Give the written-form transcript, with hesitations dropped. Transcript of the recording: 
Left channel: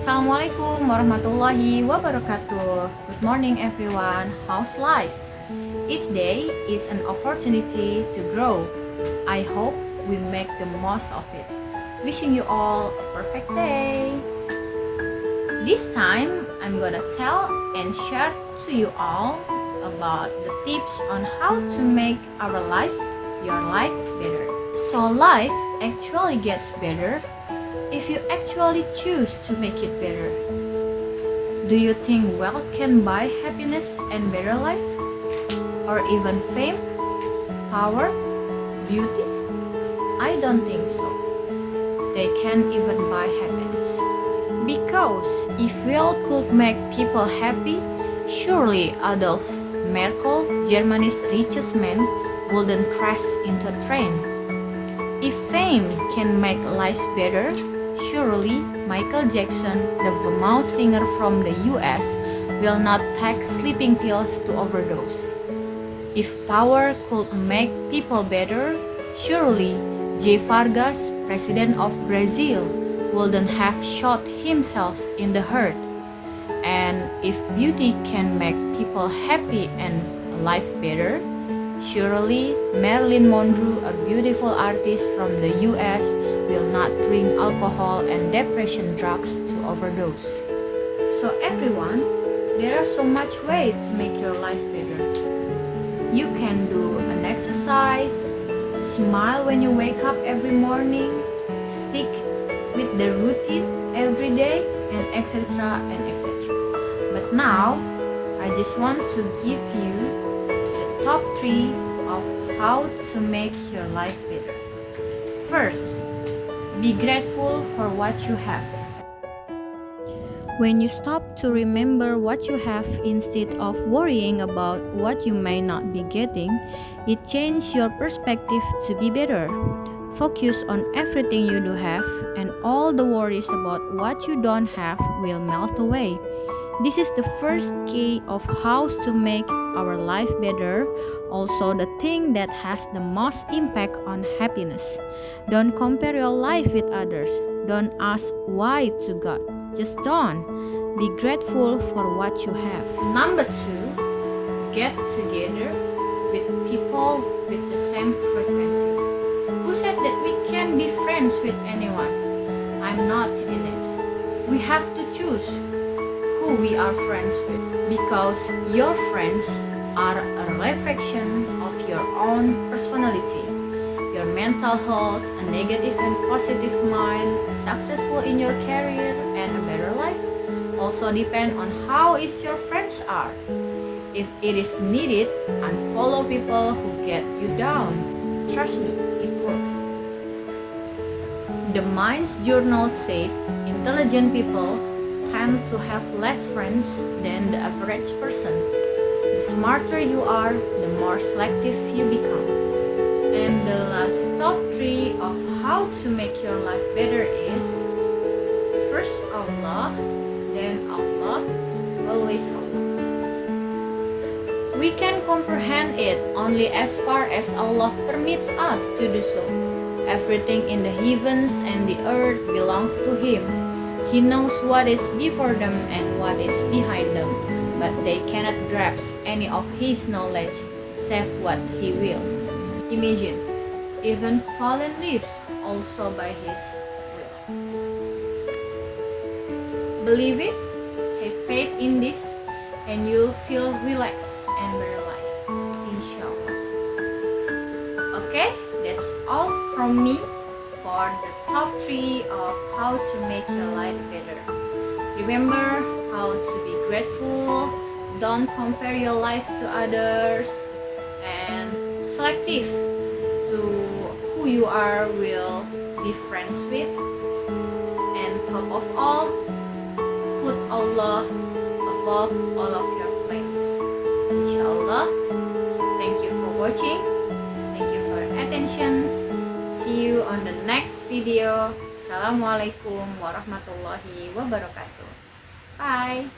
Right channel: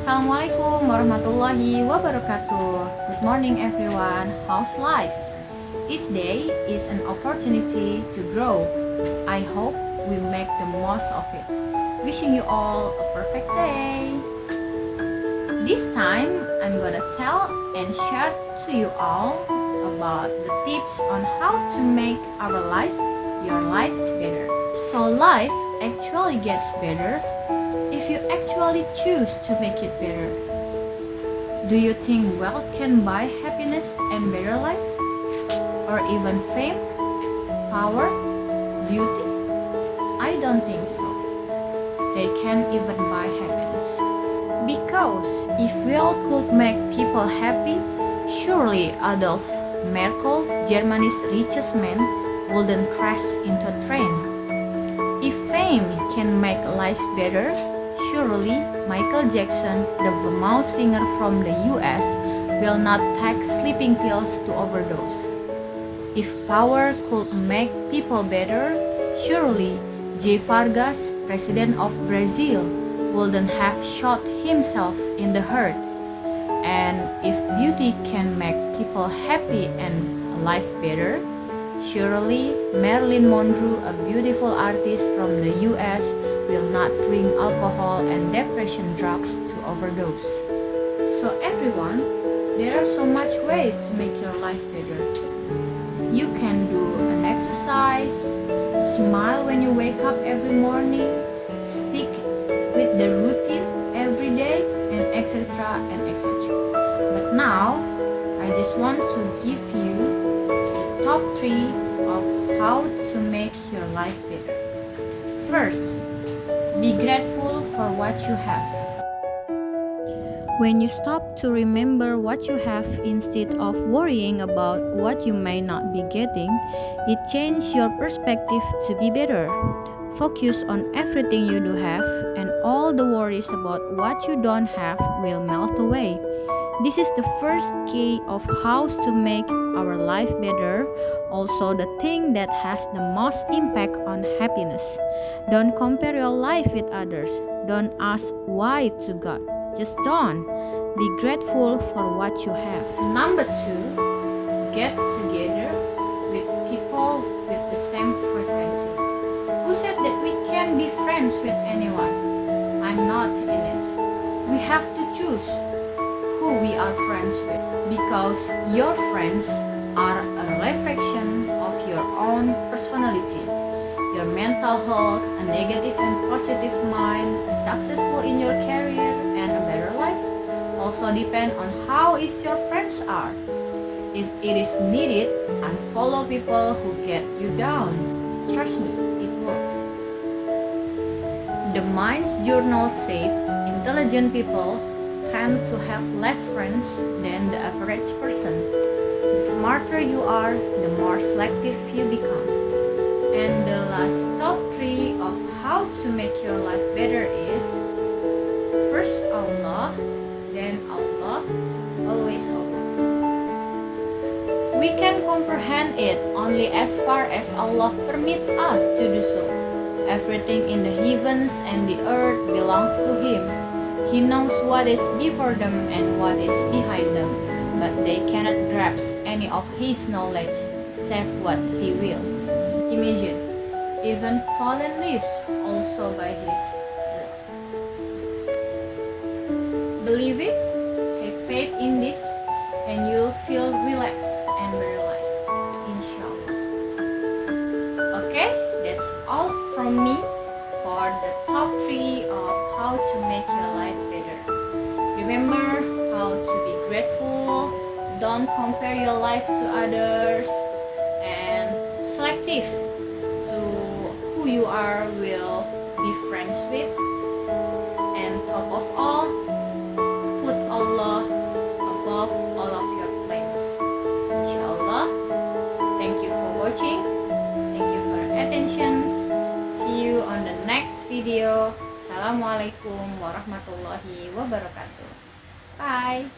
Assalamualaikum warahmatullahi wabarakatuh. Good morning everyone. How's life? Each day is an opportunity to grow. I hope we make the most of it. Wishing you all a perfect day. This time I'm gonna tell and share to you all about the tips on how to make our life, your life better. So life actually gets better if you actually choose to make it better. Do you think wealth can buy happiness and better life? Or even fame, power, beauty? I don't think so. They can't even buy happiness. Because if wealth could make people happy, surely Adolf Merkel, Germany's richest man, wouldn't crash into a train. If fame can make life better, surely Michael Jackson, the famous singer from the US, will not take sleeping pills to overdose. If power could make people better, surely J. Vargas, president of Brazil, wouldn't have shot himself in the heart. And if beauty can make people happy and life better, surely Marilyn Monroe, a beautiful artist from the US, will not drink alcohol and depression drugs to overdose. So everyone, there are so much ways to make your life better. You can do an exercise, smile when you wake up every morning, stick with the routine every day, and etc. and etc. But now, I just want to give you the top 3 of how to make your life better. First, be grateful for what you have. When you stop to remember what you have instead of worrying about what you may not be getting, it changes your perspective to be better. Focus on everything you do have, and all the worries about what you don't have will melt away. This is the first key of how to make our life better, also the thing that has the most impact on happiness. Don't compare your life with others. Don't ask why to God. Just don't. Be grateful for what you have. Number 2, get together with people with the same frequency. Who said that we can be friends with anyone? I'm not in it. We have to choose who we are friends with, because your friends are a reflection of your own personality, your mental health, a negative and positive mind, successful in your career, and a better life also depend on how is your friends are. If it is needed, unfollow people who get you down. Trust me, it works. The Mind's Journal said intelligent people tend to have less friends than the average person. The smarter you are, the more selective you become. And the last top 3 of how to make your life better is: first Allah, then Allah, always Allah. We can comprehend it only as far as Allah permits us to do so. Everything in the heavens and the earth belongs to Him. He knows what is before them and what is behind them, but they cannot grasp any of His knowledge save what He wills. Imagine, even fallen leaves also by His will. Believe it, have faith in this, and you'll feel relaxed and better life, inshallah. Okay, that's all from me for the top 3 of how to make your life better. Remember how to be grateful, don't compare your life to others, and selective to who you are will be friends with, and top of all, put Allah above all of your plans, inshallah. Thank you for watching, thank you for your attention. See you on the next video. Assalamualaikum warahmatullahi wabarakatuh. Bye.